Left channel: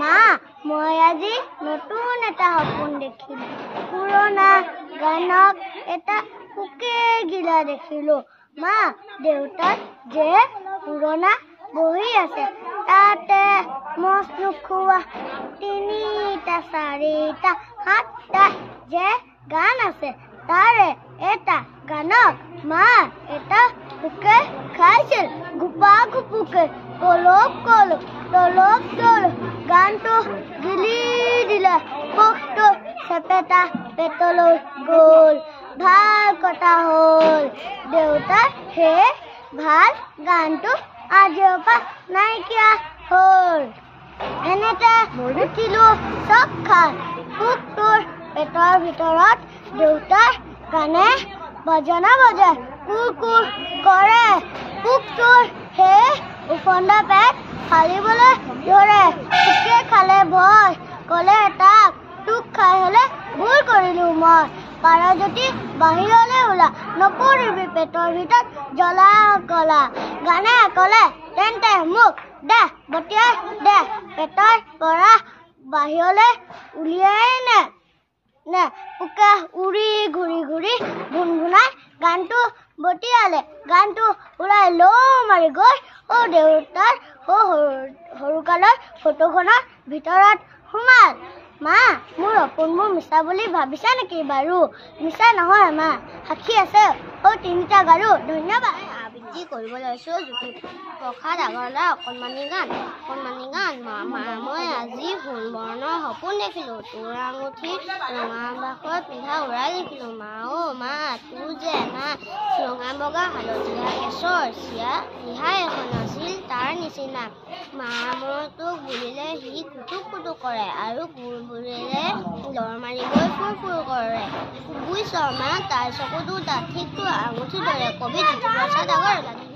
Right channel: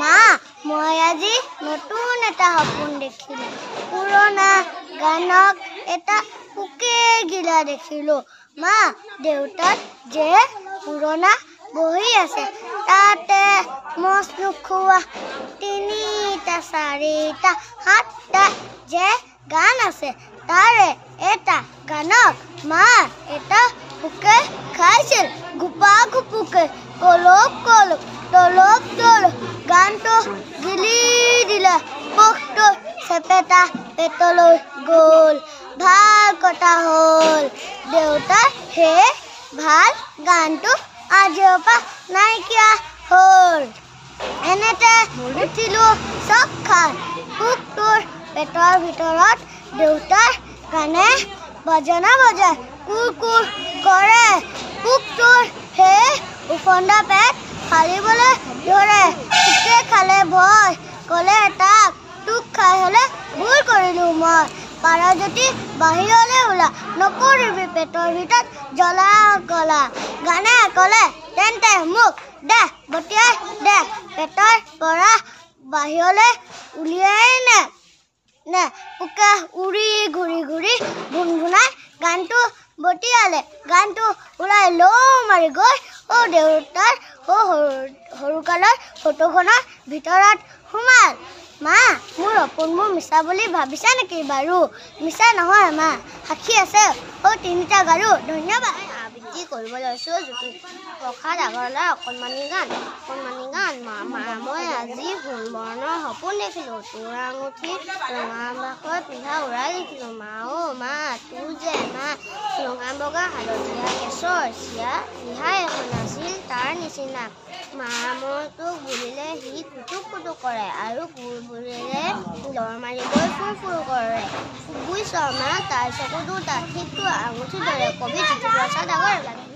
মা মই আজি নতুন এটা সপোন দেখিলো পুৰণা গানক এটা পুকে গিলা দেখিলো মা দেউতাক যে পুৰণা বহি আছে তাতে মছ নুখুৱা তিনিটা চাৰিটা সাতটা যে গান আছে তাৰে এটা গানক মা এটা পুকে খাইছিল গুপা গুপুকে কলক কলক তলক তলক গানটো গিলি দিলে পোকটো চেপেটা পেটলৈ গ'ল ভাল কথা হ'ল দেউতাৰ হে ভাল গানটো আজিৰ পৰা নাইকিয়া হ'ল এনেতে উঠিলো চক খাই পোকটোৰ পেটৰ ভিতৰত দেউতাৰ গানে বাজনা বজায় কুৰ কুৰ কৰে পোকটোৰ হে উফন্দা পেট খালিবলৈ ধৰে পোকে খালে ভয় ক'লে তাক তোক খাই হ'লে ভুল কৰিলো মই পাৰ যদি বাহিৰলৈ ওলা নকৰিবি পেটৰ ভিতৰত জ্বলা কলা গানে ক'লে তেন্তে মোক দে বটিয়াই দে পেটৰ পৰা বাহিৰলৈ উলিয়াই নে পোকে উৰি ঘূৰি ঘূৰি ভুনভুনাই গানটো বটিয়ালে গানটো উৰাই লৌ মাৰি গৈ দেউতাৰ সৰুকালৰ ফটোখনৰ ভিতৰত সোমাল মা মোৰ সপোনবোৰ মিছা বুলি ভাবিছা নেকি বাৰু মিছা নহয় মা সাক্ষী আছে তিনিটা গাৰু ধন্যবাদ আবৃত্তি কৰিব লৈছোঁ প্ৰসাদ আগৰৱালাৰ অকণমানি গান মা মই আজি ফুল বৰণৰ সপোন দেখিলোঁ তোৰ আঙুঠি ৰঙা বাখৰ পিন্ধা উৰাই দেখিলোঁ মা মা তোৰ যে মা ৰঙা বগা হালধীয়া কেশৰ চিয়া ৰিহা এখন আছিল তাৰ নিচিনা মা মই তোক বুলিলে সি কুটুক কুটুক কৰে আৰু বুলিলে লৰ মাৰিবলৈ ফুৰ ফুৰ কৰে বুজিছ মা তাৰ চকুটো ঠিক তোৰ আঙুঠিৰ দৰে কবি জ্যোতিপ্ৰসাদ আগৰৱালা